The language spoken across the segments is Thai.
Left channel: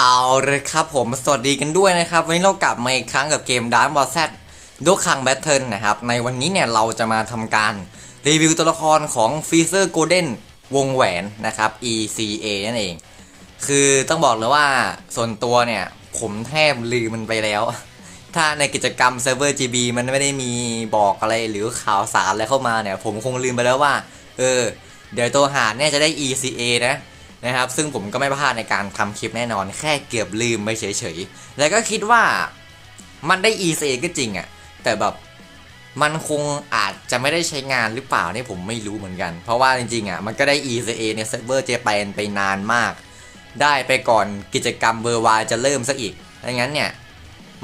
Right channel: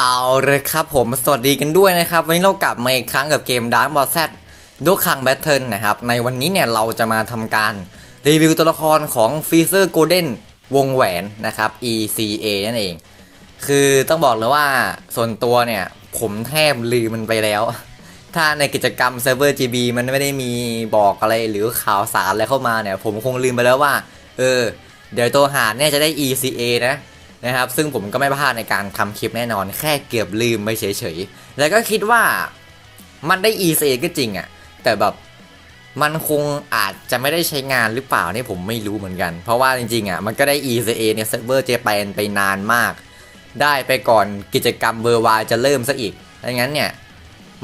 เอาเลยครับผมสวัสดีกันด้วยนะครับ วันนี้เรากลับมาอีกครั้งกับเกม Dark Ball Z ดูคังแบทเทิลนะครับ ในวันนี้เนี่ยเราจะมาทำการรีวิวตัวละครของฟีเซอร์โกลเด้นวงแหวนนะครับ ECA นั่นเอง คือต้องบอกเลยว่าส่วนตัวเนี่ย ผมแทบลืมมันไปแล้ว ถ้าในกิจกรรมเซิร์ฟเวอร์ GB มันไม่ได้มีบอกอะไรหรือข่าวสารอะไรเข้ามาเนี่ย ผมคงลืมไปแล้วว่า เออ เดี๋ยวตัวหาเนี่ยจะได้ ECA นะ นะครับ ซึ่งผมก็ไม่พลาดในการทำคลิปแน่นอน แค่เกือบลืมไปเฉยๆ แล้วก็คิดว่ามันได้ ECA ก็จริงอะ่ะ แต่แบบมันคงอาจจะไม่ได้ใช้งานหรือเปล่านี่ผมไม่รู้เหมือนกัน เพราะว่าจริงๆอะ่ะมันก็ได้ ECA ในเซิร์ฟเวอร์เจแปนไปนานมาก ได้ไปก่อนกิจกรรมเบอร์วายจะเริ่มซะอีกดังนั้นเนี่ย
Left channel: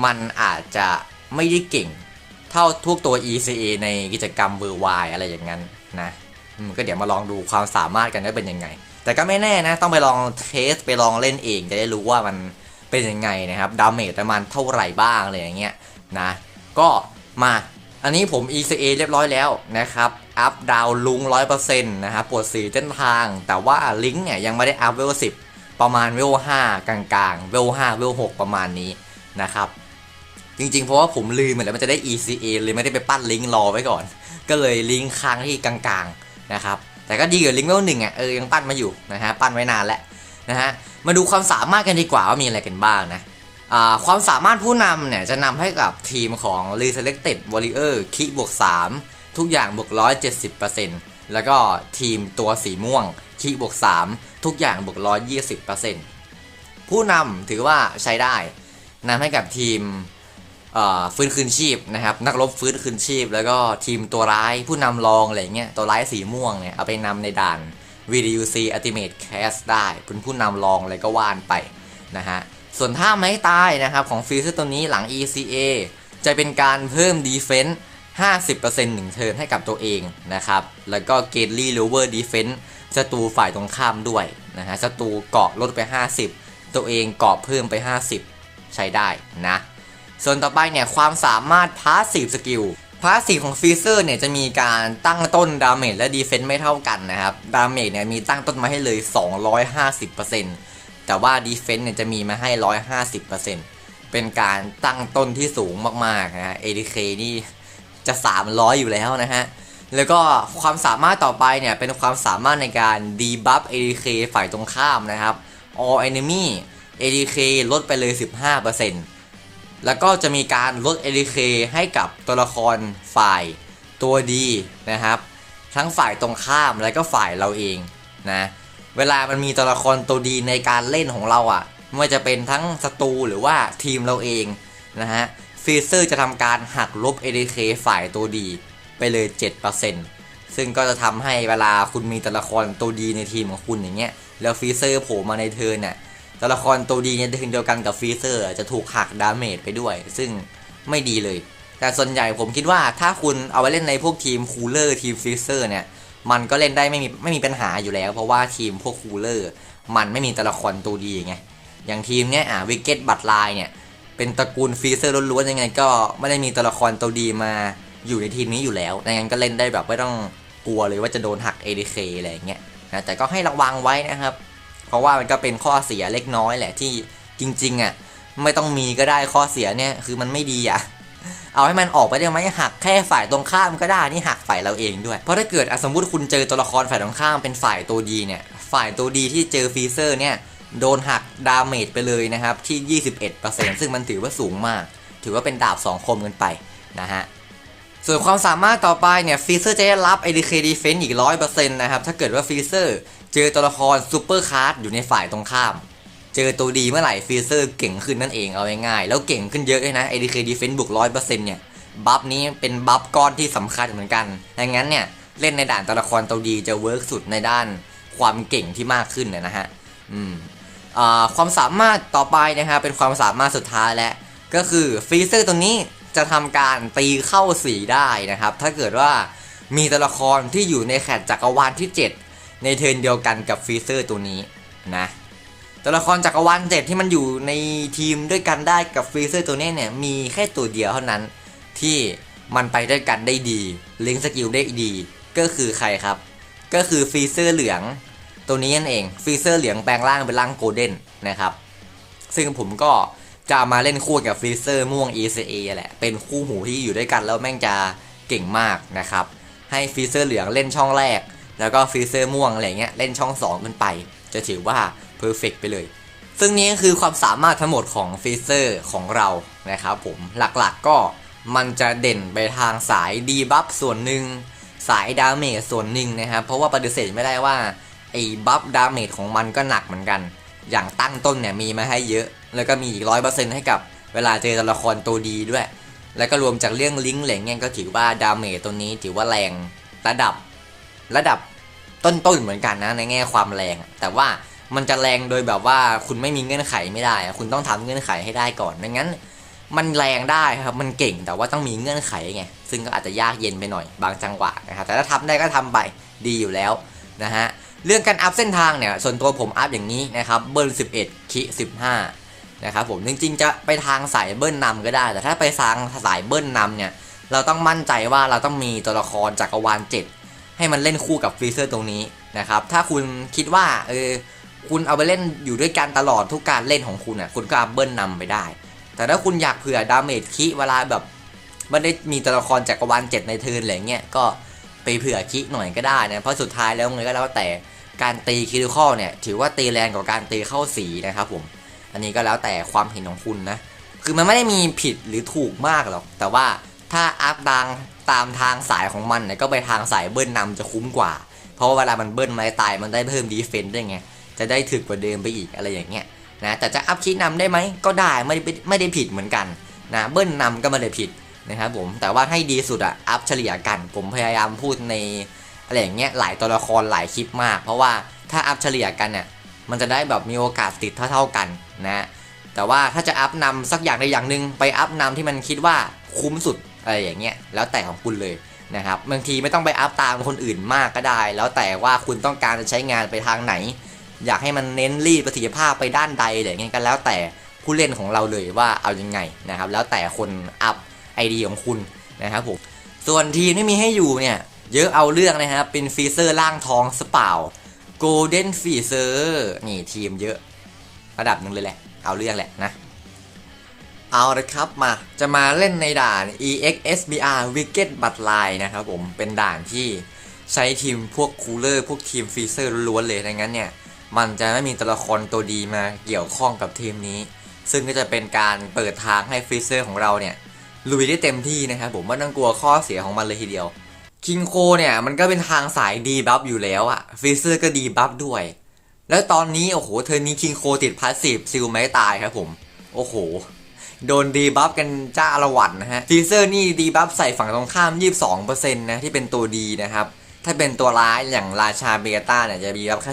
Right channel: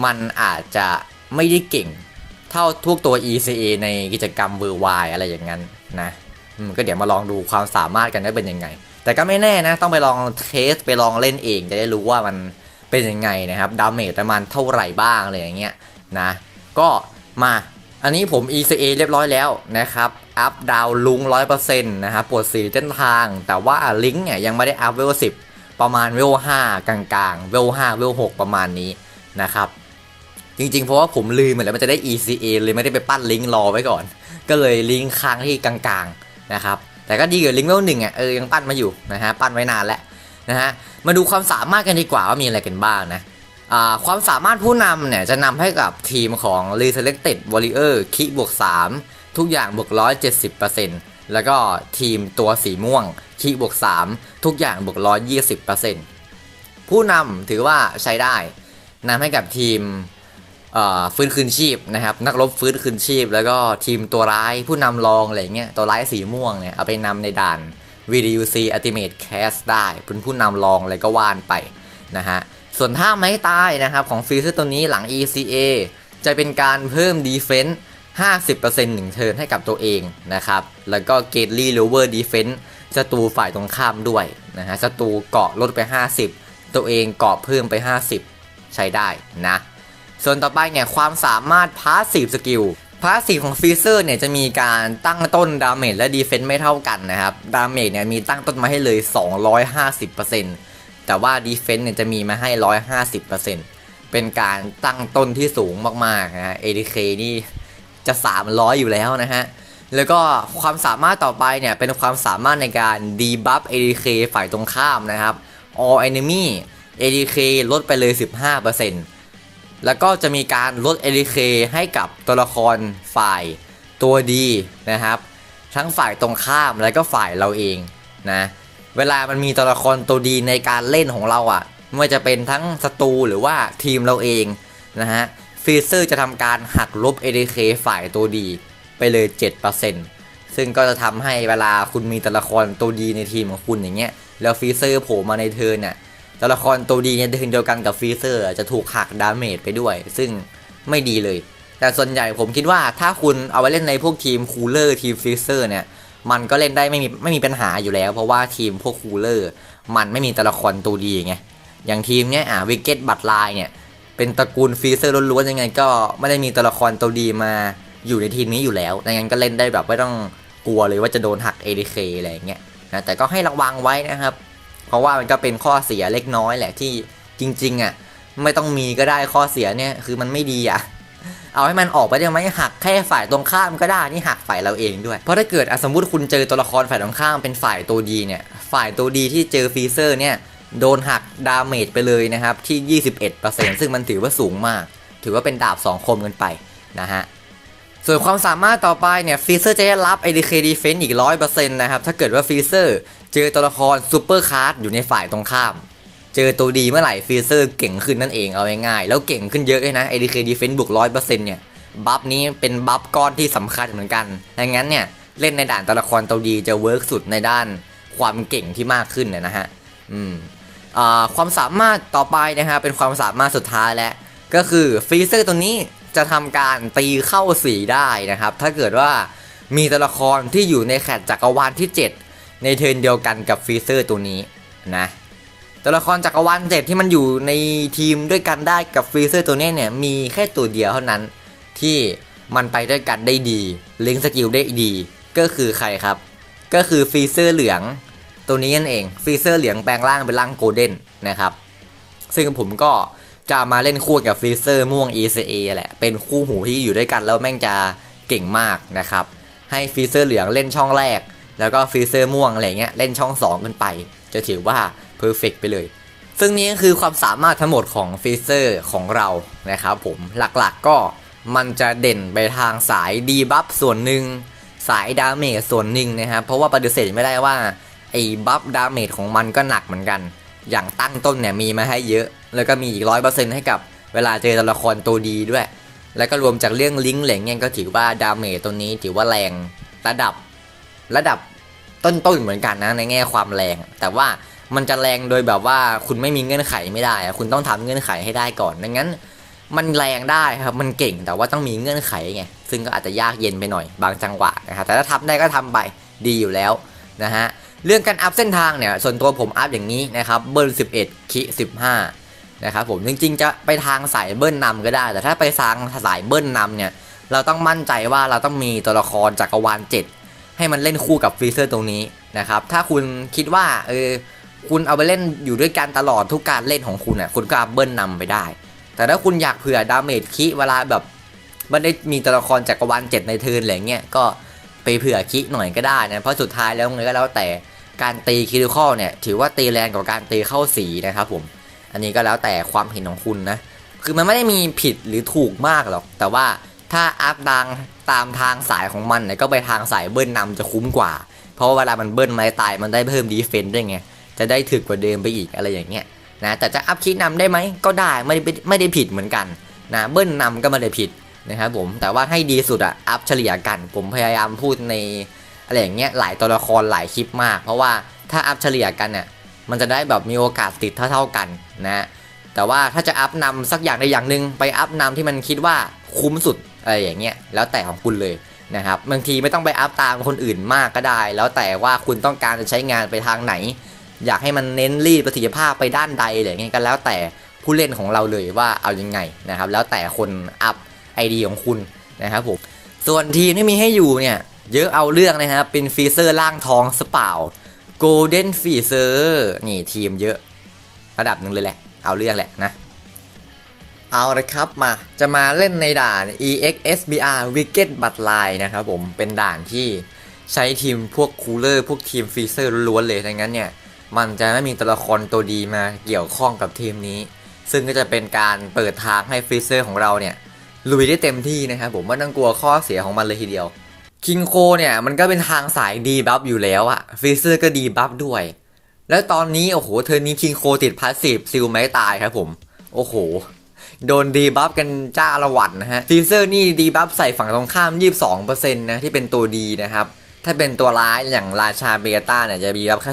มันอาจจะไม่ได้เก่งเท่าทุกตัว ECA ในกิจกรรมเบอร์วายอะไรอย่างนั้นนะก็เดี๋ยวมาลองดูความสามารถกันว่าเป็นยังไง แต่ก็ไม่แน่นะ ต้องไปลองเทสไปลองเล่นเองจะได้รู้ว่ามันเป็นยังไงนะครับดาเมจประมาณเท่าไหร่บ้างอะไรอย่างเงี้ยนะ ก็มาอันนี้ผม ECA เรียบร้อยแล้วนะครับ อัพดาวลุง100%นะครับปวดสีเส้นทาง แต่ว่าลิงก์เนี่ยยังไม่ได้อัพเวล10ประมาณเวล5กลางๆ เวล5เวล6ประมาณนี้นะครับ จริงๆ เพราะว่าผมลืมเหมือนแล้วมันจะได้ ECA เลยไม่ได้ไปปั้นลิงก์รอไว้ก่อน ก็เลยลิงก์ค้างที่กลางๆนะครับ แต่ก็ดีกว่าลิงก์เวลหนึ่งอะเออยังปั้นมาอยู่นะฮะปั้นไว้นานแล้วนะฮะมาดูความสามารถกันดีกว่าว่ามีอะไรกันบ้างนะอ่าความสามารถผู้นำเนี่ยจะนำให้กับทีมของ Reselected Warrior คิบวก 3 ทุกอย่างบวก 170%แล้วก็ทีมตัวสีม่วงคิบวก 3 ทุกอย่างบวก 120%ผู้นำถือว่าใช้ได้นำให้กับทีม ฟื้นคืนชีพนะครับ นักรบฟื้นคืนชีพ แล้วก็ทีมตัวร้ายผู้นำรองอะไรเงี้ยตัวร้ายสีม่วงเนี่ยเอาไปนำในด่าน VDUC Ultimate Cast ได้เป็นผู้นำรองอะไรก็ว่านไปนะฮะส่วนท่าไม้ตายนะครับของฟีเซอร์ตัวนี้หลัง ECA จะเป็นการเพิ่ม Defense 50%หนึ่งเทิร์นให้กับตัวเองนะครับ แล้วก็ g a t e l y Lower Defense ศัตรูฝ่ายตรงข้ามด้วยนะฮะศัตรูเกาะลดไป 50 ตัวเองเกาะเพิ่มไป 50 ใช้ได้นะ ส่วนต่อไปเนี่ยความสามารถพาสซีฟสกิลพาสซีฟของฟีเซอร์เนี่ยจะมีการตั้งต้นดาเมจและดีเฟนต์ไม่เท่ากันนะครับ ดาเมจเนี่ยมีตั้งต้นมาให้เลย 250%แต่ว่าดีเฟนต์เนี่ยจะมีมาให้ 150%เป็นการตั้งต้นที่สูงมากๆนะฮะ ADK นี่จะ 300 อยู่แล้วนะฮะ แล้วก็ความสามารถต่อไปเนี่ยเป็นความสามารถในการดีบัฟ ADK ฝ่ายตรงข้ามนะครับ all enemy ADK ลดไปเลย 15% แล้วก็จะมีการลด ADK ให้กับตัวละครฝ่ายตัวดีนะครับ ทั้งฝ่ายตรงข้ามและก็ฝ่ายเราเองนะเวลามันมีตัวละครตัวดีในการเล่นของเราอะ่ะไม่ว่าจะเป็นทั้งศัตรูหรือว่าทีมเราเองนะฮะฟีเซอร์จะทำการหักลบ ADK ฝ่ายตัวดีไปเลย 7%ซึ่งก็จะทำให้เวลาคุณมีตัวละครตัวดีในทีมของคุณอย่างเงี้ยแล้วฟีเซอร์โผล่มาในเทิร์นเนี่ย ตัวละครตัวดีในเทิร์นเดียวกันกับฟรีเซอร์จะถูกหักดาเมจไปด้วย ซึ่งไม่ดีเลย แต่ส่วนใหญ่ผมคิดว่าถ้าคุณเอาไว้เล่นในพวกทีมคูลเลอร์ทีมฟรีเซอร์เนี่ยมันก็เล่นได้ไม่มีไม่มีปัญหาอยู่แล้ว เพราะว่าทีมพวกคูลเลอร์มันไม่มีตัวละครตัวดีไงอย่างทีมเนี้ยอะวิกเก็ตบัตไลน์เนี่ยเป็นตระกูลฟรีเซอร์ล้วนๆยังไง ก็ไม่ได้มีตัวละครตัวดีมาอยู่ในทีมนี้อยู่แล้วดังนั้นก็เล่นได้แบบไม่ต้องกลัวเลยว่าจะโดนหัก ADK อะไรอย่างเงี้ยนะแต่ก็ให้ระวังไว้นะครับ เพราะว่ามันก็เป็นข้อเสียเล็กน้อยแหละที่จริงๆอะไม่ต้องมีก็ได้ข้อเสียเนี่ยคือมันไม่ดีอะเอาให้มันออกไปได้ไหมหักแค่ฝ่ายตรงข้ามก็ได้นี่หักฝ่ายเราเองด้วย เพราะถ้าเกิดสมมติคุณเจอตัวละครฝ่ายตรงข้ามเป็นฝ่ายตัวดีเนี่ยฝ่ายตัวดีที่เจอฟรีเซอร์เนี่ยโดนหักดาเมจไปเลยนะครับที่ 21%ซึ่งมันถือว่าสูงมาก ถือว่าเป็นดาบ2คมกันไปนะฮะ ส่วนความสามารถต่อไปเนี่ยฟีเซอร์จะได้รับ ADK Defense อีก100%นะครับ ถ้าเกิดว่าฟีเซอร์เจอตัวละครซูเปอร์คาร์ดอยู่ในฝ่ายตรงข้าม เจอตัวดีเมื่อไหร่ฟีเซอร์เก่งขึ้นนั่นเองเอาง่ายๆแล้วเก่งขึ้นเยอะเลยนะ ADK Defense บวก100%เนี่ยบัฟนี้เป็นบัฟก้อนที่สำคัญเหมือนกันดังนั้นเนี่ยเล่นในด่านตัวละครตัวดีจะเวิร์กสุดในด้านความเก่งที่มากขึ้นนะฮะอืมอ่าความสามารถต่อไปนะฮะเป็นความสามารถสุดท้ายแล้วก็คือฟรีเซอร์ตัวนี้ จะทำการตีเข้าสีได้นะครับ ถ้าเกิดว่ามีตัวละครที่อยู่ในแคตจักรวาลที่ 7 ในเทิร์นเดียวกันกับฟรีเซอร์ตัวนี้นะตัวละครจักรวาลเจ็ดที่มันอยู่ในทีมด้วยกันได้กับฟรีเซอร์ตัวนี้เนี่ยมีแค่ตัวเดียวเท่านั้นที่มันไปด้วยกันได้ดีลิงสกิลได้ดี ก็คือใครครับ ก็คือฟรีเซอร์เหลือง ตัวนี้นั่นเองฟรีเซอร์เหลืองแปลงร่างเป็นร่างโกลเด้นนะครับ ซึ่งผมก็ จะมาเล่นคู่กับฟรีเซอร์ม่วง ECA แหละ เป็นคู่หูที่อยู่ด้วยกันแล้วแม่งจะเก่งมากนะครับ ให้ฟรีเซอร์เหลืองเล่นช่องแรก แล้วก็ฟรีเซอร์ม่วงอะไรเงี้ยเล่นช่อง2ขึ้นไป จะถือว่าเพอร์เฟกไปเลย ซึ่งนี้คือความสามารถทั้งหมดของฟรีเซอร์ของเรานะครับผม หลักๆก็มันจะเด่นไปทางสายดีบัฟส่วนหนึ่งสายดาเมจส่วนหนึ่งนะครับ เพราะว่าปฏิเสธไม่ได้ว่าไอ้บัฟดาเมจของมันก็หนักเหมือนกัน อย่างตั้งต้นเนี่ยมีมาให้เยอะ แล้วก็มีอีกร้อยเปอร์เซ็นต์ให้กับเวลาเจอตัวละครตัวดีด้วย แล้วก็รวมจากเรื่องลิงก์เหล่งเนี่ยก็ถือว่าดาเมจตัวนี้ถือว่าแรงระดับระดับต้นๆเหมือนกันนะในแง่ความแรง แต่ว่ามันจะแรงโดยแบบว่าคุณไม่มีเงื่อนไขไม่ได้ คุณต้องทำเงื่อนไขให้ได้ก่อนดังนั้น มันแรงได้ครับมันเก่งแต่ว่าต้องมีเงื่อนไขไงซึ่งก็อาจจะยากเย็นไปหน่อยบางจังหวะนะครับแต่ถ้าทำได้ก็ทำไปดีอยู่แล้วนะฮะ เรื่องการอัพเส้นทางเนี่ยส่วนตัวผมอัพอย่างนี้นะครับเบิร์น11 คิ 15 นะครับผมจริงๆจะไปทางสายเบิ้ลนนำก็ได้ แต่ถ้าไปทางสายเบิ้ลนนำเนี่ยเราต้องมั่นใจว่าเราต้องมีตัวละครจักรวาล 7 ให้มันเล่นคู่กับฟรีเซอร์ตรงนี้นะครับถ้าคุณคิดว่าเออคุณเอาไปเล่นอยู่ด้วยกันตลอดทุกการเล่นของคุณอะคุณก็อัพเบิ้ลนนำไปได้ แต่ถ้าคุณอยากเผื่อดาเมจคิเวลาแบบไม่ได้มีตัวละครจักรวาลเจ็ดในเทิร์นอะไรเงี้ยก็ ไปเผื่อคิหน่อยก็ได้นะเพราะสุดท้ายแล้วไงก็แล้วแต่การตีคิริคอลเนี่ยถือว่าตีแรงกว่าการตีเข้าสีนะครับผม อันนี้ก็แล้วแต่ความเห็นของคุณนะ คือมันไม่ได้มีผิดหรือถูกมากหรอก แต่ว่าถ้าอัพดังตามทางสายของมันเนี่ยก็ไปทางสายเบิ้ลนำจะคุ้มกว่า เพราะว่าเวลามันเบิ้ลไม้ตายมันได้เพิ่มดีเฟนต์ด้วยไง จะได้ถึกกว่าเดิมไปอีกอะไรอย่างเงี้ยนะ แต่จะอัพคีย์นำได้ไหมก็ได้ไม่ได้ไม่ได้ผิดเหมือนกันนะ เบิ้ลนำก็ไม่ได้ผิด นะครับผมแต่ว่าให้ดีสุดอะอัพเฉลี่ยกัน ผมพยายามพูดในอะไรอย่างเงี้ยหลายตัวละครหลายคลิปมาก เพราะว่าถ้าอัพเฉลี่ยกันเนี่ยมันจะได้แบบมีโอกาสติดเท่าๆกันนะแต่ว่าถ้าจะอัพนำสักอย่างใดอย่างหนึ่งไปอัพนำที่มันคิดว่าคุ้มสุดอะไรอย่างเงี้ยแล้วแต่ของคุณเลยนะครับบางทีไม่ต้องไปอัพตามคนอื่นมากก็ได้ แล้วแต่ว่าคุณต้องการจะใช้งานไปทางไหน อยากให้มันเน้นรีดประสิทธิภาพไปด้านใดอะไรเงี้ยก็แล้วแต่ผู้เล่นของเราเลยว่าเอายังไงนะครับแล้วแต่คนอัพ ไอเดียของคุณนะครับผมส่วนทีมที่มีให้อยู่เนี่ย เยอะเอาเรื่องนะครับเป็นฟีเซอร์ล่างทองสเปล่าโกลเด้นฟีเซอร์นี่ทีมเยอะ ระดับหนึ่งเลยแหละ เอาเรื่องแหละนะ เอาละครับมาจะมาเล่นในด่าน EXSBR Wicked b u t l i n e นะครับผมเป็นด่านที่ใช้ทีมพวกคูลเลอร์พวกทีมฟรีเซอร์ล้วนเลยดังนั้นเนี่ยมันจะไม่มีตัวละครตัวดีมาเกี่ยวข้องกับทีมนี้ ซึ่งก็จะเป็นการเปิดทางให้ฟรีเซอร์ของเราเนี่ย ลุยได้เต็มที่นะครับผมไม่ต้องกลัวข้อเสียของมันเลยทีเดียวคิงโคเนี่ยมันก็เป็นทางสายดีบัฟอยู่แล้วอะฟรีเซอร์ก็ดีบัฟด้วย แล้วตอนนี้โอ้โหเทอร์นี้คิงโคติดพาสซีฟซิลไม่ตายครับผม โอ้โห โดนดีบัฟกันจ้าละวันนะฮะฟรีเซอร์นี่ดีบัฟใส่ฝั่งตรงข้าม 22%นะที่เป็นตัวดีนะครับ ถ้าเป็นตัวร้ายอย่างราชาเบต้าเนี่ยจะดีบัฟแค่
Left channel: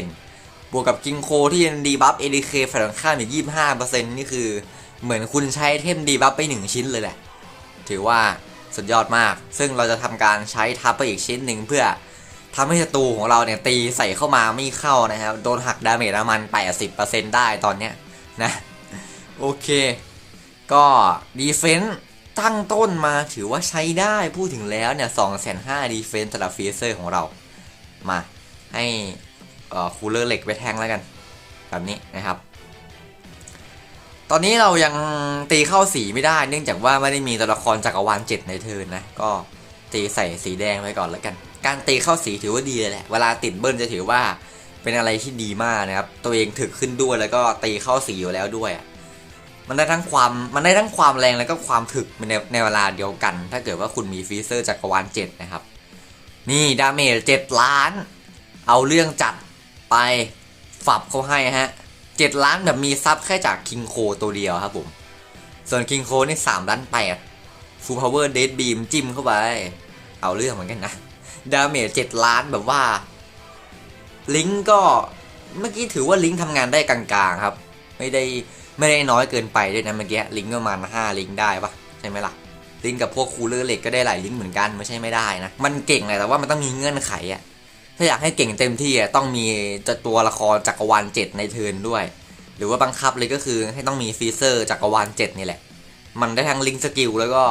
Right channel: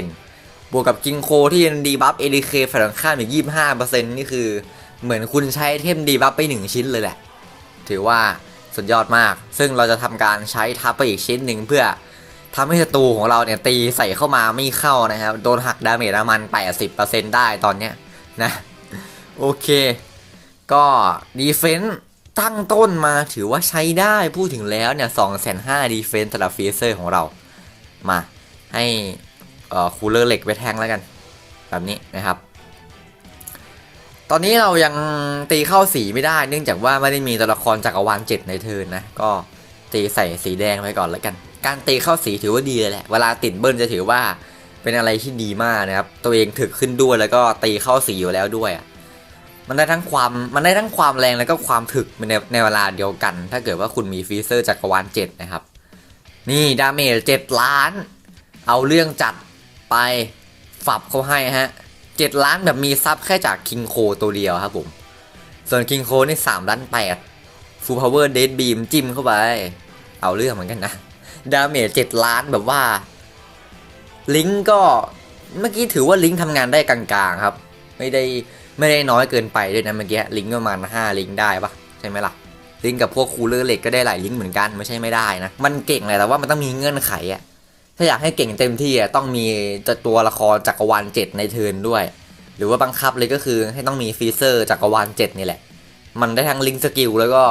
15%บวกกับกิงโคที่ยังดีบัฟเอดีเคฝั่งตรงข้ามอยู่ 25%นี่คือ เหมือนคุณใช้เทมดีบัฟไป1ชิ้นเลยแหละ ถือว่าสุดยอดมาก ซึ่งเราจะทำการใช้ทับไปอีกชิ้นหนึ่งเพื่อทำให้ศัตรูของเราเนี่ยตีใส่เข้ามาไม่เข้านะครับ โดนหักดาเมจประมาณ80%ได้ตอนเนี้ยนะโอเค ก็ดีเฟนต์ตั้งต้นมาถือว่าใช้ได้พูดถึงแล้วเนี่ยสองแสนห้าดีเฟนต์สำหรับฟีเซอร์ของเรา มาให้คูลเลอร์เหล็กไปแทงแล้วกัน แบบนี้นะครับ ตอนนี้เรายังตีเข้าสีไม่ได้ เนื่องจากว่าไม่ได้มีตัวละครจักรวาลเจ็ดในเทินนะ ก็ตีใส่สีแดงไปก่อนแล้วกัน การตีเข้าสีถือว่าดีเลยแหละ เวลาติดเบิ้ลจะถือว่าเป็นอะไรที่ดีมากนะครับ ตัวเองถึกขึ้นด้วยแล้วก็ตีเข้าสีอยู่แล้วด้วย มันได้ทั้งความมันได้ทั้งความแรงแล้วก็ความถึกในในเวลาเดียวกัน ถ้าเกิดว่าคุณมีฟีเซอร์จักรวาลเจ็ดนะครับ นี่ดาเมจเจ็ดล้าน เอาเรื่องจัดไปฝับเขาให้ฮะ เจ็ดล้านแบบมีซับแค่จากคิงโคตัวเดียวครับผม ส่วนคิงโคนี่สามล้านแปดฟูลพาวเวอร์เดดบีมจิ้มเข้าไป เอาเรื่องเหมือนกันนะ ดาเมจเจ็ดล้านแบบว่า ลิงก์ก็เมื่อกี้ถือว่าลิงก์ทำงานได้กลางๆครับ ไม่ได้ไม่ได้น้อยเกินไปด้วยนะเมื่อกี้ลิงก์ประมาณ5ลิงก์ได้ปะใช่ไหมล่ะ ลิงก์กับพวกคูลเลอร์เหล็กก็ได้หลายลิงก์เหมือนกันไม่ใช่ไม่ได้นะ มันเก่งเลยแต่ว่ามันต้องมีเงื่อนไขอะ ถ้าอยากให้เก่งเต็มที่อะต้องมีตัวละครจักรวาลเจ็ดในเทิร์นด้วย หรือว่าบังคับเลยก็คือให้ต้องมีฟีเซอร์จักรวาลเจ็ดนี่แหละ มันได้ทั้งลิงสกิลแล้วก็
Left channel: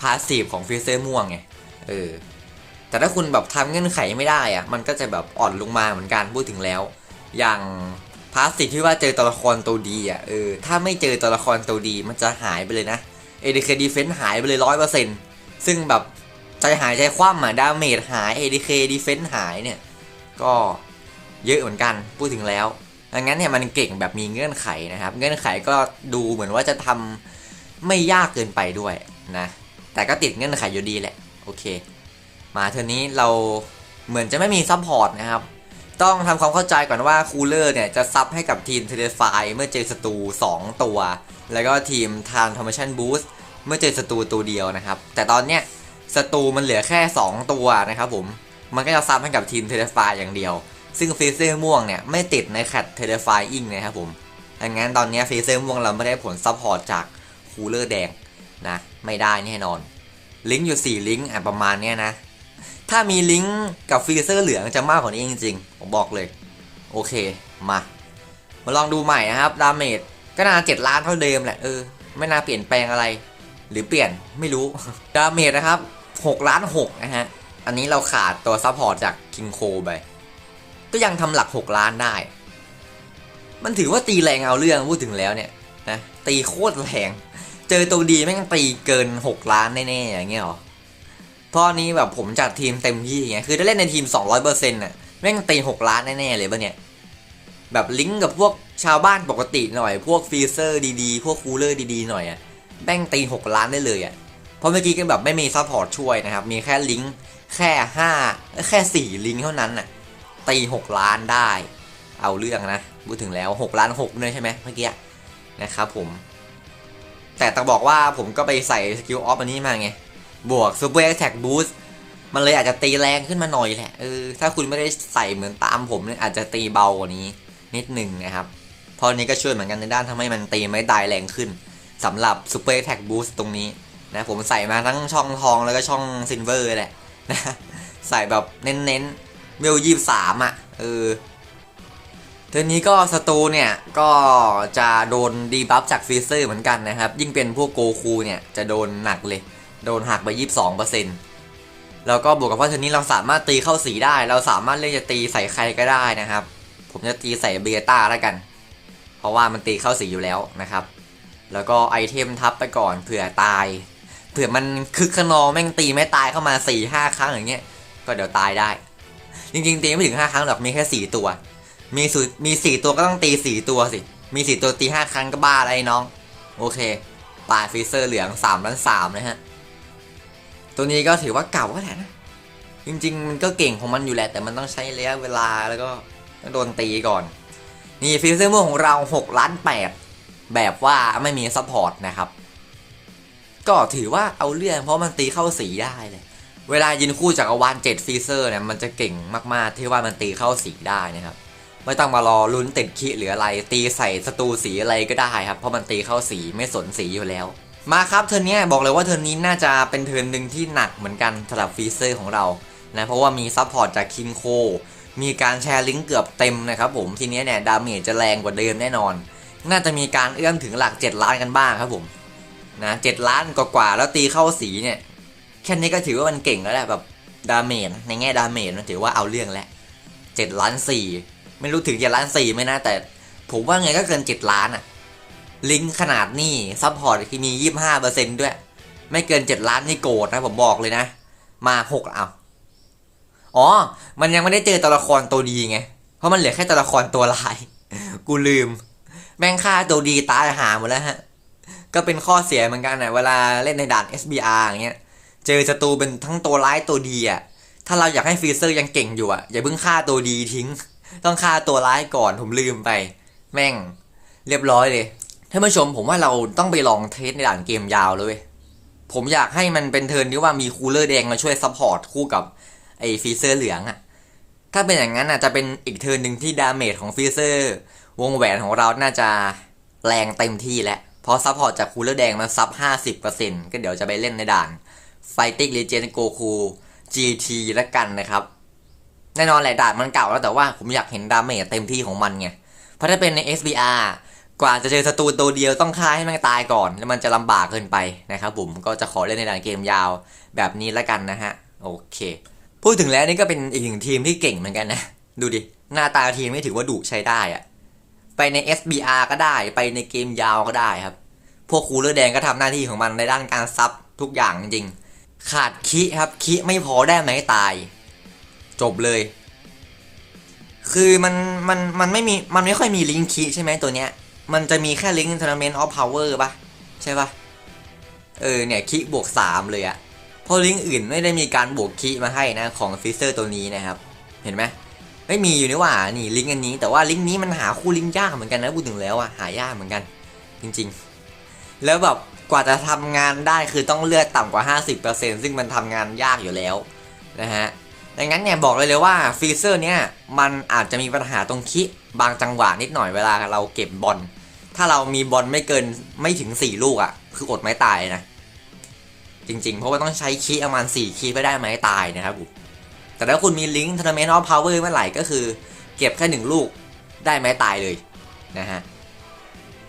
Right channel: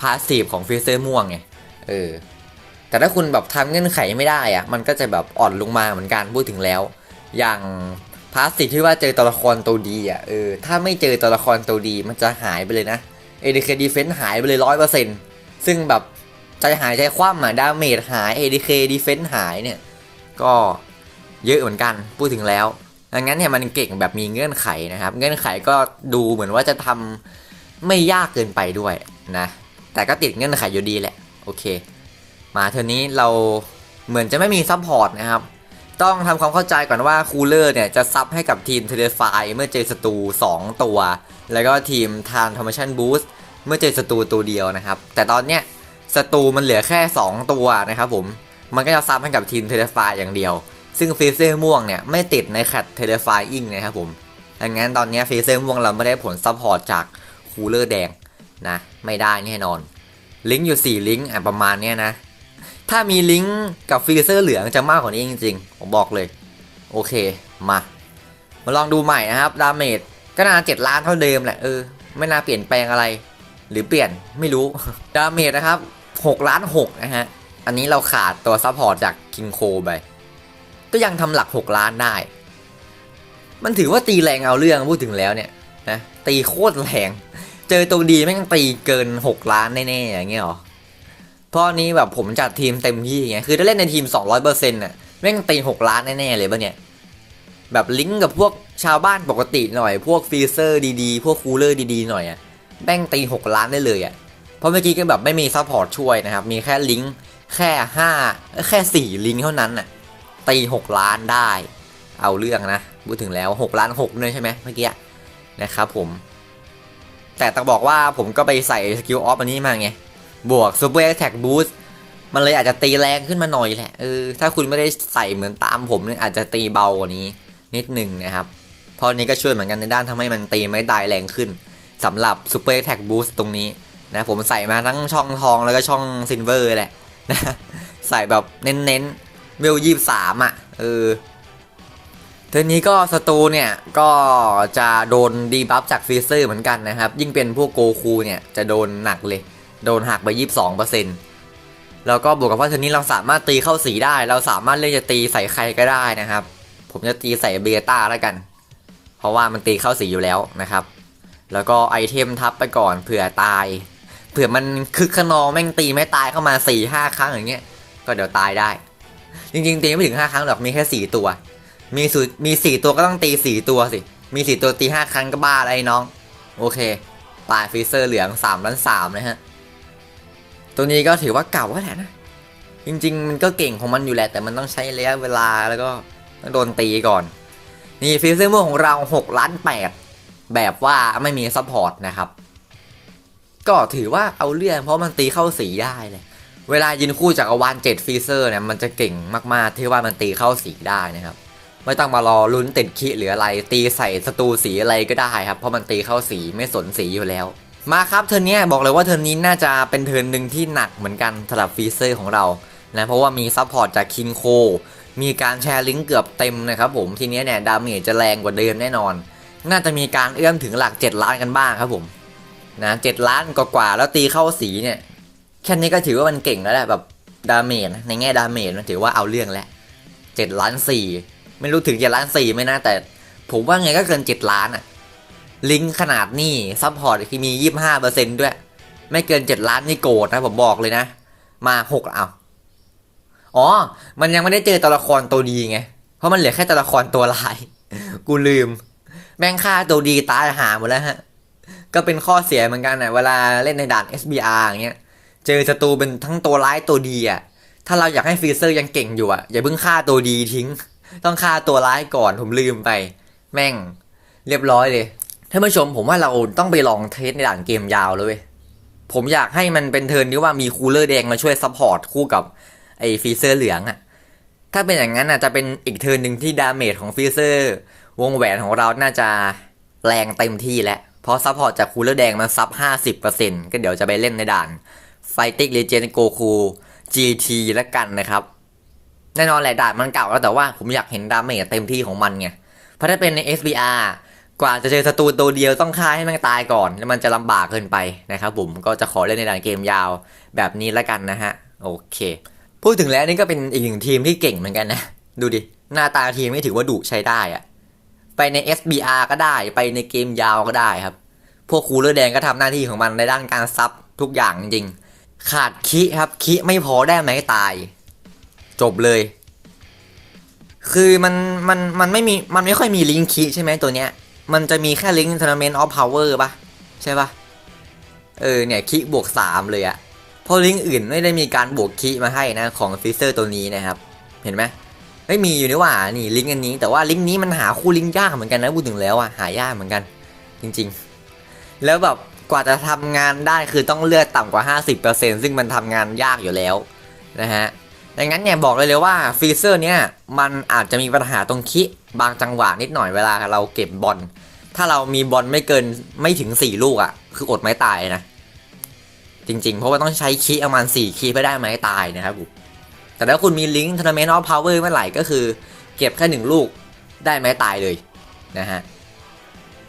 พาสซีฟของฟีเซอร์ม่วงไงเออแต่ถ้าคุณแบบทำเงื่อนไขไม่ได้อะมันก็จะแบบอ่อนลงมาเหมือนกันพูดถึงแล้ว อย่างพาสติที่ว่าเจอตัวละครตัวดีอะเออถ้าไม่เจอตัวละครตัวดีมันจะหายไปเลยนะเอเดเคดีเฟนหายไปเลยร้อยเปอร์เซ็นต์ซึ่งแบบ ใจหายใจคว่ำอะดาเมจหายเอเดเคดีเฟนหายเนี่ย ก็เยอะเหมือนกันพูดถึงแล้วดังนั้นเนี่ยมันเก่งแบบมีเงื่อนไขนะครับ เงื่อนไขก็ดูเหมือนว่าจะทำไม่ยากเกินไปด้วยนะ แต่ก็ติดเงื่อนไขอยู่ดีแหละ โอเค มาเทอนี้เราเหมือนจะไม่มีซัพพอร์ตนะครับ ต้องทำความเข้าใจก่อนว่าคูลเลอร์เนี่ยจะซับให้กับทีมเทเลไฟเมื่อเจอศัตรู2ตัว แล้วก็ทีมทานทอมชันบูสต์เมื่อเจอศัตรูตัวเดียวนะครับ แต่ตอนเนี้ย ศัตรูมันเหลือแค่ 2 ตัวนะครับผม มันก็จะซับให้กับทีมเทเลไฟอย่างเดียว ซึ่งฟีเซอร์ม่วงเนี่ยไม่ติดในแคตเทเลไฟอิงนะครับผมดังนั้นตอนนี้ฟีเซอร์ม่วงเราไม่ได้ผลซัพพอร์ตจากคูลเลอร์แดงนะ ไม่ได้แน่นอน ลิงก์อยู่ 4 ลิงก์ประมาณเนี้ยนะ ถ้ามีลิงก์กับฟีเซอร์เหลืองจะมากกว่านี้จริงๆ ผมบอกเลย โอเค มา มาลองดูใหม่นะครับ ดาเมจก็น่าเจ็ดล้านเท่าเดิมแหละ เออ ไม่น่าเปลี่ยนแปลงอะไร หรือเปลี่ยนไม่รู้ ดาเมจนะครับ 6ล้าน6นะฮะ อันนี้เราขาดตัวซัพพอร์ตจากคิงโคไป ก็ยังทำหลัก 6 ล้านได้ มันถือว่าตีแรงเอาเรื่องพูดถึงแล้วเนี่ยนะตีโคตรแรง เจอตัวดีแม่งตีเกิน 6 ล้านแน่ๆอย่างเงี้ยหรอ เพราะนี้แบบผมจัดทีมเต็มที่ไง คือถ้าเล่นในทีม 200%น่ะแม่งตี6ล้านแน่ๆเลยปะเนี่ยแบบลิงก์กับพวกชาวบ้านปกติหน่อย พวกฟรีเซอร์ดีๆ พวกคูลเลอร์ดีๆหน่อยอะแม่งตี6ล้านได้เลยอะ ราะเมื่อกี้ก็แบบไม่มีซัพพอร์ตช่วยนะครับ มีแค่ลิงก์แค่5แค่4ลิงก์เท่านั้นน่ะตี6ล้านได้ เอาเรื่องนะพูดถึงแล้ว 6 ล้าน6เลยใช่ไหมเมื่อกี้นะครับผม แต่ต้องบอกว่าผมก็ไปใส่สกิลออฟอันนี้มาไง บวก Super Attack Boost มันเลยอาจจะตีแรงขึ้นมาหน่อยแหละเออถ้าคุณไม่ได้ใส่เหมือนตามผมเนี่ยอาจจะตีเบากว่านี้นิดหนึ่งนะครับเพราะนี้ก็ช่วยเหมือนกันในด้านทำให้มันตีไม่ตายแรงขึ้นสำหรับ Super Attack Boost ตรงนี้ นะผมใส่มาทั้งช่องทองแล้วก็ช่องซิลเวอร์แหละนะใส่แบบเน้นๆเวลยี่สามอะเออทีนี้ก็สตูเนี่ยก็จะโดนดีบัฟจากฟรีเซอร์เหมือนกันนะครับ ยิ่งเป็นพวกโกคูเนี่ยจะโดนหนักเลย โดนหักไป 22%แล้วก็บวกกับว่าทีนี้เราสามารถตีเข้าสีได้ เราสามารถเลือกจะตีใส่ใครก็ได้นะครับ ผมจะตีใส่เบต้าแล้วกัน เพราะว่ามันตีเข้าสีอยู่แล้วนะครับ แล้วก็ไอเทมทับไปก่อนเผื่อตาย เผื่อมันคึกขนองแม่งตีไม่ตายเข้ามา4ี่ห้าครั้งอย่างเงี้ย ก็เดี๋ยวตายได้ จริงๆตีไม่ถึง5ครั้งหรอกมีแค่4ตัว มีสูมี4ตัวก็ต้องตี4ตัวสิ มี4ตัวตี5ครั้งก็บ้าอะไรน้อง โอเคปลายฟรีเซอร์เหลือง3ล้าน3นะฮะ ตัวนี้ก็ถือว่าเก่าแล้วแหละนะ จริง ๆ มันก็เก่งของมันอยู่แหละ แต่มันต้องใช้ระยะเวลาแล้วก็ต้องโดนตีก่อน นี่ฟรีเซอร์ม่วของเรา6ล้าน8แบบว่าไม่มีซัพพอร์ตนะครับ ก็ถือว่าเอาเรื่องเพราะมันตีเข้าสีได้เลยเวลายืนคู่จากอวาน7ฟรีเซอร์เนี่ยมันจะเก่งมากๆ ที่ว่ามันตีเข้าสีได้นะครับ ไม่ต้องมารอลุ้นติดคิหรืออะไร ตีใส่ศัตรูสีอะไรก็ได้ครับ เพราะมันตีเข้าสีไม่สนสีอยู่แล้ว มาครับเทอร์นนี้บอกเลยว่าเทอร์นนี้น่าจะเป็นเทอร์นหนึ่งที่หนักเหมือนกันสำหรับฟีเซอร์ของเรานะเพราะว่ามีซัพพอร์ตจากคินโคมีการแชร์ลิงก์เกือบเต็มนะครับผมทีนี้เนี่ยดาเมจจะแรงกว่าเดิมแน่นอน น่าจะมีการเอื้อมถึงหลัก 7 ล้านกันบ้างครับผม นะเล้านกว่าแล้วตีเข้าสีเนี่ยแค่นี้ก็ถือว่ามันเก่งแล้วแหละแบบดาเมจในแง่ดาเมจมันถือว่าเอาเรื่องแล้วเจ็ดล้านสี่ไม่รู้ถึงเจ็ดล้านสี่ไหมนะแต่ ผมว่าไงก็เกินเจ็ดล้านอะลิงขนาดนี้ซัพพอร์ตที่มียี่ห้าเปอร์เซ็นด้วย ไม่เกินเจ็ดล้านนี่โกรธนะผมบอกเลยนะ มาหกเอาอ๋อ มันยังไม่ได้เจอตัวละครตัวดีไง เพราะมันเหลือแค่ตัวละครตัวลาย กูลืม แม่งฆ่าตัวดีตายหาหมดแล้วฮะ ก็เป็นข้อเสียเหมือนกันนะเวลาเล่นในด่าน SBR อย่างเงี้ย เจอศัตรูเป็นทั้งตัวร้ายตัวดีอะ ถ้าเราอยากให้ฟรีเซอร์ยังเก่งอยู่อะ อย่าเพิ่งฆ่าตัวดีทิ้ง ต้องฆ่าตัวร้ายก่อนผมลืมไป แม่ง เรียบร้อยเลยท่านผู้ชมผมว่าเราต้องไปลองเทสในด่านเกมยาวเลย ผมอยากให้มันเป็นเทิร์นที่ว่ามีคูลเลอร์แดงมาช่วยซัพพอร์ตคู่กับไอ้ฟรีเซอร์เหลืองอะ ถ้าเป็นอย่างนั้นอะจะเป็นอีกเทิร์นหนึ่งที่ดาเมจของฟรีเซอร์ วงแหวนของเราน่าจะแรงเต็มที่แล้ว เพราะซัพพอร์ตจากคูลเลอร์แดงมันซับ 50%ก็เดี๋ยวจะไปเล่นในด่านไฟติกเลเจนโกคู GT แล้วกันนะครับ แน่นอนแหละด่านมันเก่าแล้วแต่ว่าผมอยากเห็นดาเมจเต็มที่ของมันไง เพราะถ้าเป็นใน SBR กว่าจะเจอศัตรูตัวเดียวต้องฆ่าให้มันตายก่อน แล้วมันจะลำบากเกินไปนะครับผมก็จะขอเล่นในด่านเกมยาวแบบนี้แล้วกันนะฮะ โอเค พูดถึงแล้วนี่ก็เป็นอีกหนึ่งทีมที่เก่งเหมือนกันนะ ดูดิ หน้าตาทีมไม่ถือว่าดุใช้ได้อะ ไปใน SBR ก็ได้ ไปในเกมยาวก็ได้ครับ พวกคูลเลอร์แดงก็ทำหน้าที่ของมันในด้านการซับทุกอย่างจริง ขาดคิครับคิไม่พอได้ไหมตาย จบเลย คือมันมันมันไม่มีมันไม่ค่อยมีลิงก์คิใช่ไหมตัวเนี้ย มันจะมีแค่ลิงก์ Tournament of Power ปะใช่ปะเออเนี่ยคิบวกสามเลยอะเพราะลิงก์อื่นไม่ได้มีการบวกคิมาให้นะของฟิเซอร์ตัวนี้นะครับ เห็นไหม ไม่มีอยู่นี่ว่านี่ลิงก์อันนี้แต่ว่าลิงก์นี้มันหาคู่ลิงก์ยากเหมือนกันนะพูดถึงแล้วอะหายากเหมือนกัน จริง ๆ แล้วแบบกว่าจะทำงานได้คือต้องเลือดต่ำกว่า 50%ซึ่งมันทำงานยากอยู่แล้วนะฮะดังนั้นเนี่ยบอกเลยเลยว่าฟีเซอร์เนี่ยมันอาจจะมีปัญหาตรงคิบางจังหวะนิดหน่อยเวลาเราเก็บบอลถ้าเรามีบอลไม่เกินไม่ถึง 4 ลูกอะ่ะ คืออดไม้ตายนะ จริงๆ เพราะว่าต้องใช้คีประมาณ4คีเพื่อได้ไม้ตายนะครับผม แต่ถ้าคุณมีลิงก์ทัวร์นาเมนต์ออฟพาวเวอร์เมื่อไหร่ก็คือ เก็บแค่หนึ่งลูกได้ไม้ตายเลยนะฮะ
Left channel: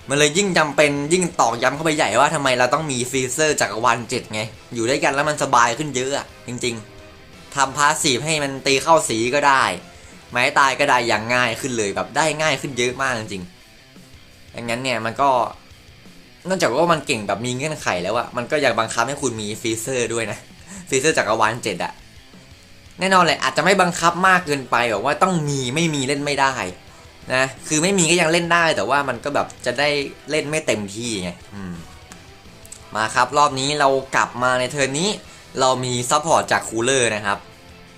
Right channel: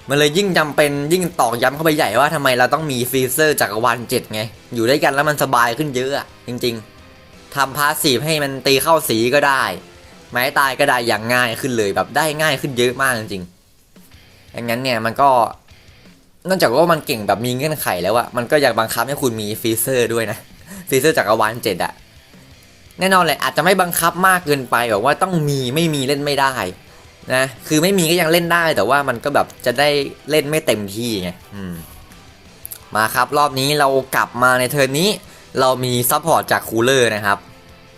มันเลยยิ่งจำเป็นยิ่งตอกย้ำเข้าไปใหญ่ว่าทำไมเราต้องมีฟรีเซอร์จักรวาลเจ็ดไง อยู่ด้วยกันแล้วมันสบายขึ้นเยอะจริง ๆทำพาสซีฟให้มันตีเข้าสีก็ได้ ไม้ตายก็ได้อย่างง่ายขึ้นเลยแบบได้ง่ายขึ้นเยอะมากจริงๆดังนั้นเนี่ยมันก็นอกจากว่ามันเก่งแบบมีเงื่อนไขแล้วอะมันก็อยากบังคับให้คุณมีฟรีเซอร์ด้วยนะฟรีเซอร์จักรวาลเจ็ดอะ แน่นอนเลยอาจจะไม่บังคับมากเกินไปแบบว่าต้องมีไม่มีเล่นไม่ได้นะคือไม่มีก็ยังเล่นได้แต่ว่ามันก็แบบจะได้เล่นไม่เต็มที่ไงมาครับรอบนี้เรากลับมาในเทิร์นนี้ เรามีซัพพอร์ตจากคูลเลอร์นะครับ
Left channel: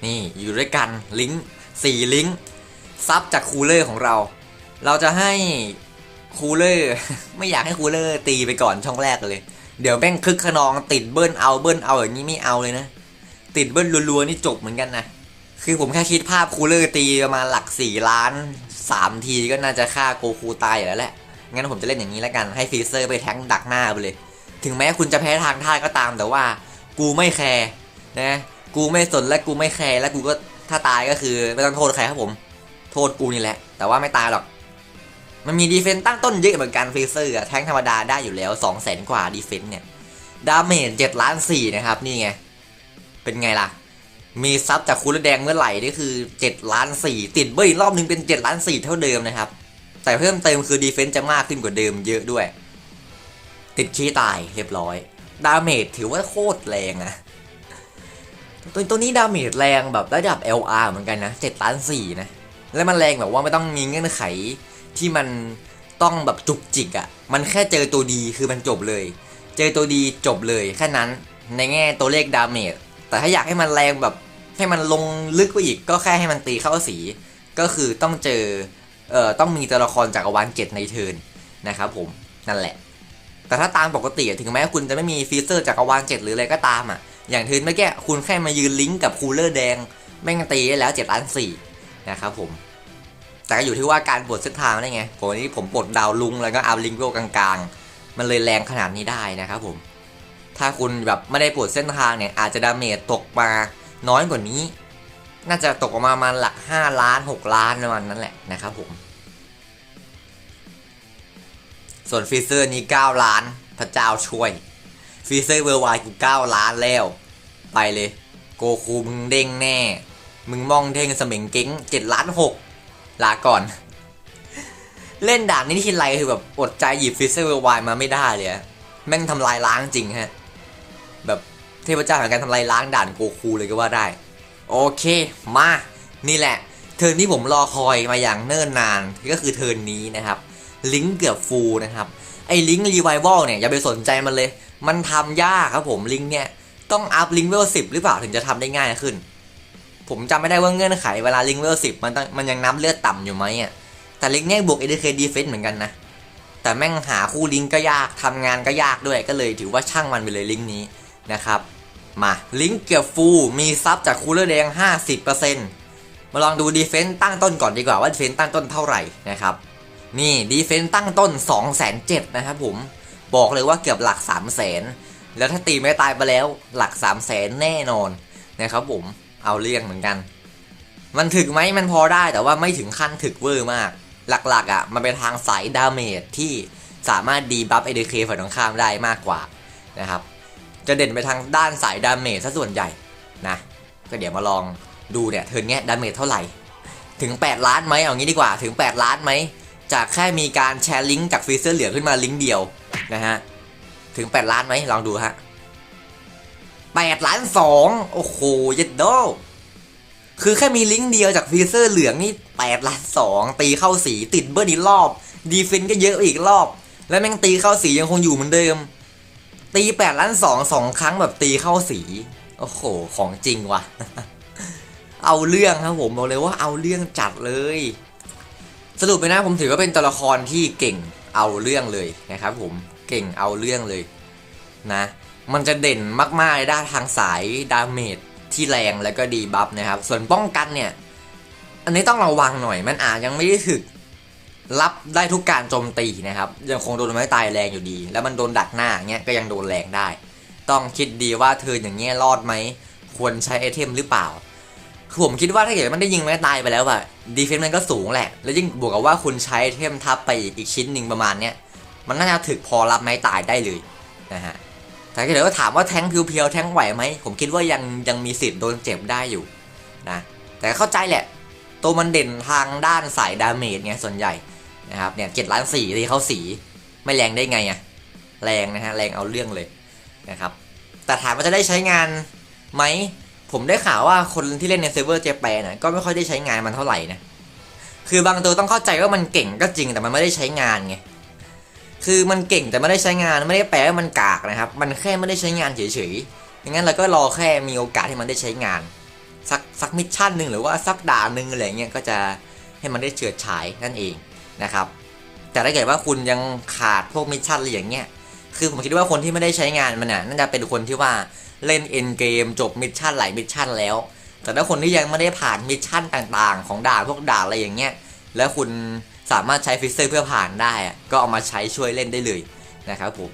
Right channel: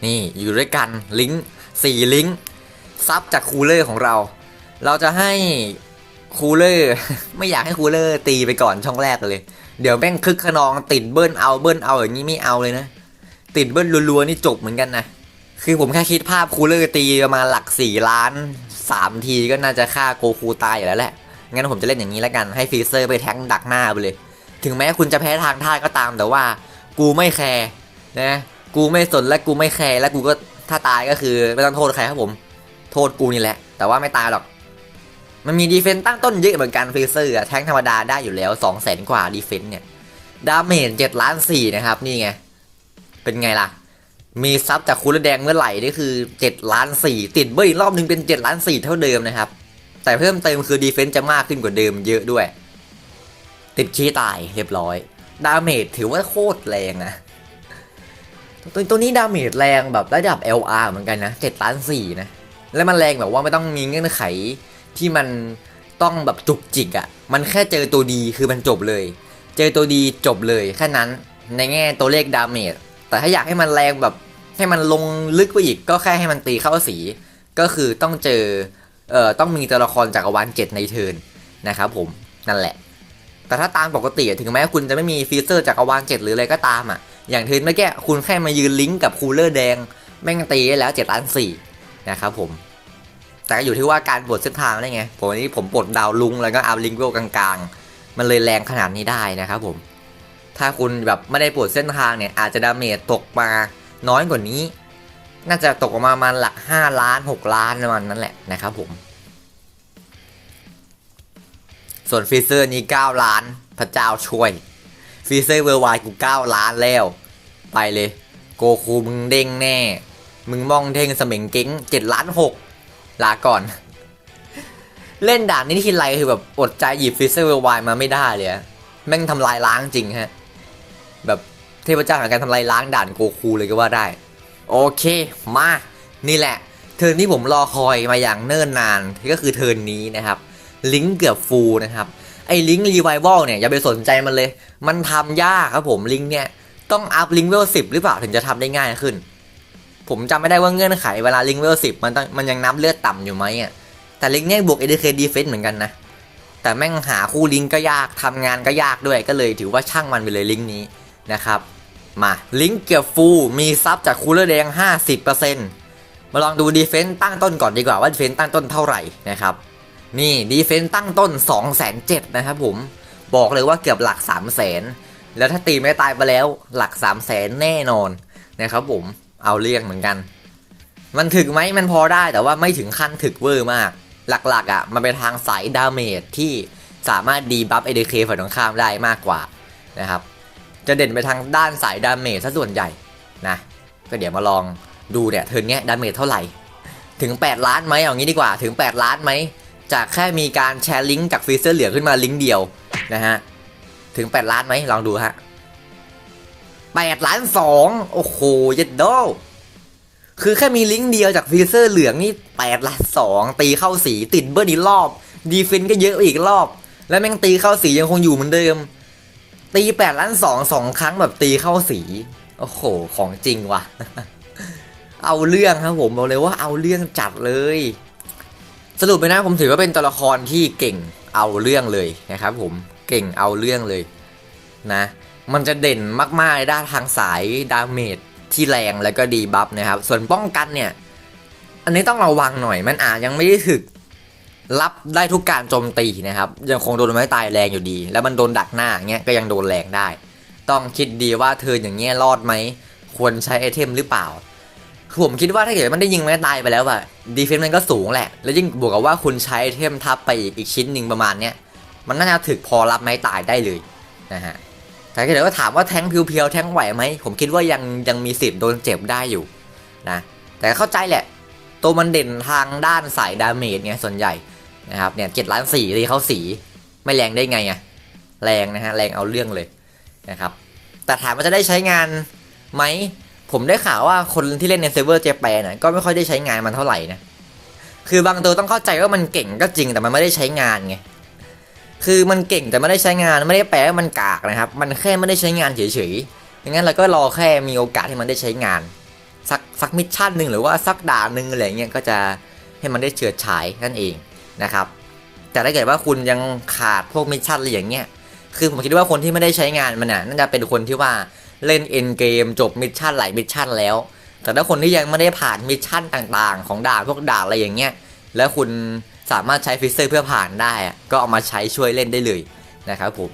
นี่อยู่ด้วยกันลิงก์สี่ลิงก์ซับจากคูลเลอร์ของเรา เราจะให้คูลเลอร์ไม่อยากให้คูลเลอร์ตีไปก่อนช่องแรกเลย เดี๋ยวแม่งคึกขนองติดเบิ้ลเอาเบิ้ลเอาอย่างนี้ไม่เอาเลยนะ ติดเบิ้ลรัวๆนี่จบเหมือนกันนะ คือผมแค่คิดภาพคูลเลอร์ตีประมาณหลักสี่ล้านสามทีก็น่าจะฆ่าโกคูตายอยู่แล้วแหละ งั้นผมจะเล่นอย่างนี้แล้วกันให้ฟรีเซอร์ไปแทงดักหน้าไปเลย ถึงแม้คุณจะแพ้ทางท่าก็ตามแต่ว่า กูไม่แคร์นะ กูไม่สนและกูไม่แคร์และกูก็ถ้าตายก็คือไม่ต้องโทษใครครับผม โทษกูนี่แหละ แต่ว่าไม่ตายหรอก มันมีดีเฟนต์ตั้งต้นเยอะเหมือนกันฟรีเซอร์อะแทงธรรมดาได้อยู่แล้ว2 0 0 0 0 0กว่าดีเฟนต์เนี่ยดาเมจ7ล้าน4นะครับนี่ไง เป็นไงล่ะ มีซับจากคูลแดงเมื่อไหร่นี่คือ7ล้าน4ติดเบิ้ลอีกรอบนึงเป็น7ล้าน4เท่าเดิมนะครับ แต่เพิ่มเติมคือดีเฟนต์จะมากขึ้นกว่าเดิมเยอะด้วย ติดขี้ตายเรียบร้อย ดาเมจถือว่าโคตรแรงอะตัวตัวนี้ดาเมจแรงแบบระดับ LR เหมือนกันนะ7ล้าน4นะแล้วมันแรงแบบว่าไม่ต้องมีเงื่อนไขที่มันต้องแบบจุกจิกอะ่ะ มันแค่เจอตัวดีคือมันจบเลย เจอตัวดีจบเลยแค่นั้นในแง่ตัวเลขดาเมจ แต่ถ้าอยากให้มันแรงแบบให้มันลงลึกไปอีกก็แค่ให้มันตีเข้าสี ก็คือต้องเจอเอ่อต้องมีตัวละครจากรวาลเจ็ดในเทิร์นนะครับผมนั่นแหละ แต่ถ้าตามปกติถึงแม้คุณจะไม่มีฟีเจอร์จากรวาลเจ็ดหรืออะไรก็ตามอะอย่างเทิร์นเมื่อกี้คุณแค่มายืนลิงก์กับคูลเลอร์แดงแม่งตีได้แล้ว7ล้านสี่นะครับผมแต่ก็อยู่ที่ว่าการปลดเส้นทางได้ไงผมนี้ผมปลดดาวลุงแล้วก็เอาลิงก์โลกลางๆ มันเลยแรงขนาดนี้ได้นะครับผม ถ้าคุณแบบไม่ได้ปลดเส้นทางเนี่ย อาจจะดาเมจตกมาน้อยกว่านี้ น่าจะตกออกมาประมาณหลัก 5 ล้าน 6 ล้านประมาณนั้นแหละนะครับผม ส่วนฟีเซอร์นี้ 9 ล้าน พระเจ้าช่วยฟีเซอร์เวอร์ไวกู 9 ล้านแล้ว ไปเลย โกคูมึงเด้งแน่ มึงมองเท่งสมิงเก้ง7ล้าน 6 ลาก่อน เล่นด่านนี้ทีไรคือแบบอดใจหยิบฟีเซอร์เวอร์ไวมาไม่ได้เลยแม่งทำลายล้างจริงฮะ แบบเทพเจ้าแห่งการทำลายล้างด่านโกคูเลยก็ว่าได้ โอเค มา นี่แหละ เทิร์นที่ผมรอคอยมาอย่างเนิ่นนานก็คือเทิร์นนี้นะครับ ลิงก์เกือบฟูลนะครับไอ้ลิงก์รีไววัลเนี่ยอย่าไปสนใจมันเลย มันทำยากครับผมลิงก์เนี่ยต้องอัพลิงก์เวลสิบหรือเปล่าถึงจะทำได้ง่ายขึ้น ผมจำไม่ได้ว่าเงื่อนไขเวลาลิงก์เวลสิบมันต้องมันยังนับเลือดต่ำอยู่ไหมอะแต่ลิงก์เนี่ยบวก ADK Defense เหมือนกันนะ แต่แม่งหาคู่ลิงก์ก็ยากทำงานก็ยากด้วยก็เลยถือว่าช่างมันไปเลยลิงก์นี้ นะครับ มาลิงก์เกียร์ฟูมีซับจากคูลเลอร์แดง 50%มาลองดูดีเฟนต์ตั้งต้นก่อนดีกว่าว่าดีเฟนต์ตั้งต้นเท่าไหร่นะครับ นี่ดีเฟนต์ตั้งต้น 2 7 0 0 0นะครับผมบอกเลยว่าเกือบหลัก 3 0 0 0 0 0 แล้วถ้าตีไม่ตายไปแล้วหลัก 3 0 0 0 0 0 แน่นอนนะครับผมเอาเรียงเหมือนกัน มันถึกไหมมันพอได้แต่ว่าไม่ถึงขั้นถึกเวอร์มาก หลักๆอะมันเป็นทางสายดาเมจที่สามารถดีบัฟ ADK ฝ่ายตรงข้ามได้มากกว่านะครับ จะเด่นไปทางด้านสายดาเมจซะส่วนใหญ่นะก็เดี๋ยวมาลองดูเนี่ยเทิร์นเนี้ยดาเมจเท่าไหร่ ถึง 8 ล้านไหมเอางี้ดีกว่าถึง 8 ล้านไหมจากแค่มีการแชร์ลิงก์จากฟรีเซอร์เหลืองขึ้นมาลิงก์เดียวนะฮะถึง 8 ล้านไหมลองดูฮะ8ล้าน2โอ้โหเยัดโดคือแค่มีลิงก์เดียวจากฟรีเซอร์เหลืองนี่8ล้าน2ตีเข้าสีติดเบิร์นอีกรอบ ดีฟินก็เยอะอีกรอบ แล้วแม่งตีเข้าสียังคงอยู่เหมือนเดิม ตี8ล้าน2สองครั้งแบบตีเข้าสี โอ้โห ของจริงว่ะ เอาเรื่องครับผมบอกเลยว่าเอาเรื่องจัดเลย สรุปไปนะผมถือว่าเป็นตัวละครที่เก่งเอาเรื่องเลยนะครับผมเก่งเอาเรื่องเลยนะ มันจะเด่นมากๆในด้านทางสายดาเมจที่แรงแล้วก็ดีบัฟนะครับ ส่วนป้องกันเนี่ย อันนี้ต้องระวังหน่อยมันอาจยังไม่ได้ถึก รับได้ทุกการโจมตีนะครับ ยังคงโดนไม้ตายแรงอยู่ดี แล้วมันโดนดักหน้าเงี้ยก็ยังโดนแรงได้ ต้องคิดดีว่าเธออย่างเงี้ยรอดไหม ควรใช้ไอเทมหรือเปล่าผมคิดว่าถ้าเกิดมันได้ยิงไม้ตายไปแล้วอะดีเฟนซ์มันก็สูงแหละ แล้วยิ่งบวกกับว่าคุณใช้ไอเทมทับไปอีกอีกชิ้นหนึ่งประมาณเนี้ยมันน่าจะถึกพอรับไม้ตายได้เลยนะฮะแต่ถ้าเกิดว่าถามว่าแทงเพียวๆแทงไหวไหมผมคิดว่ายังยังมีสิทธิ์โดนเจ็บได้อยู่นะแต่เข้าใจแหละ ตัวมันเด่นทางด้านสายดาเมจไงส่วนใหญ่ นะครับเนี่ยเจ็ดล้านสี่ที่เขาสีไม่แรงได้ไงอะแรงนะฮะแรงเอาเรื่องเลยนะครับแต่ถามว่าจะได้ใช้งานไหมผมได้ข่าวว่าคนที่เล่นในเซิร์ฟเวอร์เจแปนน่ะก็ไม่ค่อยได้ใช้งานมันเท่าไหร่นะคือบางตัวต้องเข้าใจว่ามันเก่งก็จริงแต่มันไม่ได้ใช้งานไงคือมันเก่งแต่ไม่ได้ใช้งานไม่ได้แปลว่ามันกากนะครับ มันแค่ไม่ได้ใช้งานเฉยๆอย่างนั้นเราก็รอแค่มีโอกาสให้มันได้ใช้งานสักสักมิชชั่นหนึ่งหรือว่าสักด่านหนึ่งอะไรเงี้ยก็จะให้มันได้เฉิดฉายนั่นเอง นะครับ แต่ถ้าเกิดว่าคุณยังขาดพวกมิชชั่นอะไรอย่างเงี้ย คือผมคิดว่าคนที่ไม่ได้ใช้งานมันน่ะน่าจะเป็นคนที่ว่าเล่นเอ็นเกมจบมิชชั่นหลายมิชชั่นแล้ว แต่ถ้าคนที่ยังไม่ได้ผ่านมิชชั่นต่างๆ ของด่านพวกด่านอะไรอย่างเงี้ย แล้วคุณสามารถใช้ฟิสเซอร์เพื่อผ่านได้ ก็เอามาใช้ช่วยเล่นได้เลยนะครับผม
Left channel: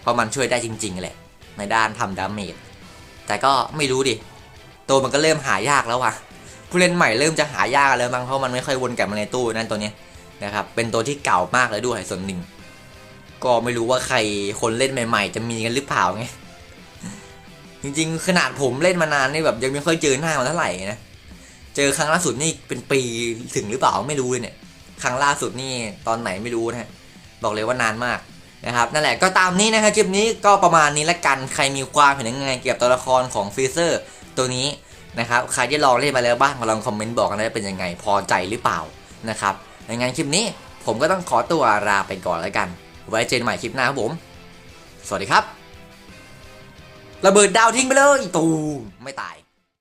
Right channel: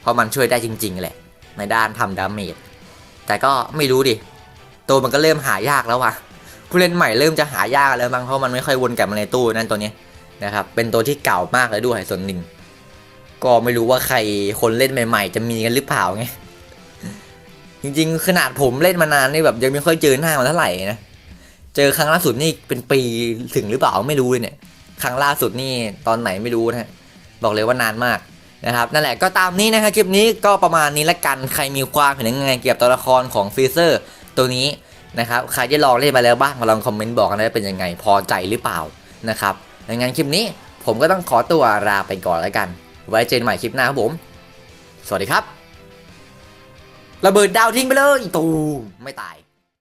เพราะมันช่วยได้จริง ๆ แหละ ในด้านทำดาเมจ แต่ก็ไม่รู้ดิ ตัวมันก็เริ่มหายากแล้วว่ะ ผู้เล่นใหม่เริ่มจะหายากแล้วมั้งเพราะมันไม่ค่อยวนกลับมาในตู้นั่นตัวเนี้ย นะครับ เป็นตัวที่เก่ามากเลยด้วยส่วนหนึ่ง ก็ไม่รู้ว่าใครคนเล่นใหม่ ๆ จะมีกันหรือเปล่าไง จริงๆ ขนาดผมเล่นมานานนี่แบบยังไม่ค่อยเจอหน้ามันเท่าไหร่นะ เจอครั้งล่าสุดนี่เป็นปีถึงหรือเปล่าไม่รู้เลยเนี่ย ครั้งล่าสุดนี่ตอนไหนไม่รู้นะบอกเลยว่านานมากนะครับนั่นแหละก็ตามนี้นะครับคลิปนี้ก็ประมาณนี้ละกันใครมีความเห็นยังไงเกี่ยวกับตัวละครของฟรีเซอร์ตัวนี้นะครับใครที่ลองเล่นมาแล้วบ้างมาลองคอมเมนต์บอกกันได้เป็นยังไงพอใจหรือเปล่านะครับ ในงานคลิปนี้ผมก็ต้องขอตัวลาไปก่อนแล้วกัน ไว้เจอกันใหม่คลิปหน้าครับผม สวัสดีครับ ระเบิดดาวทิ้งไปเลยตูมไม่ตาย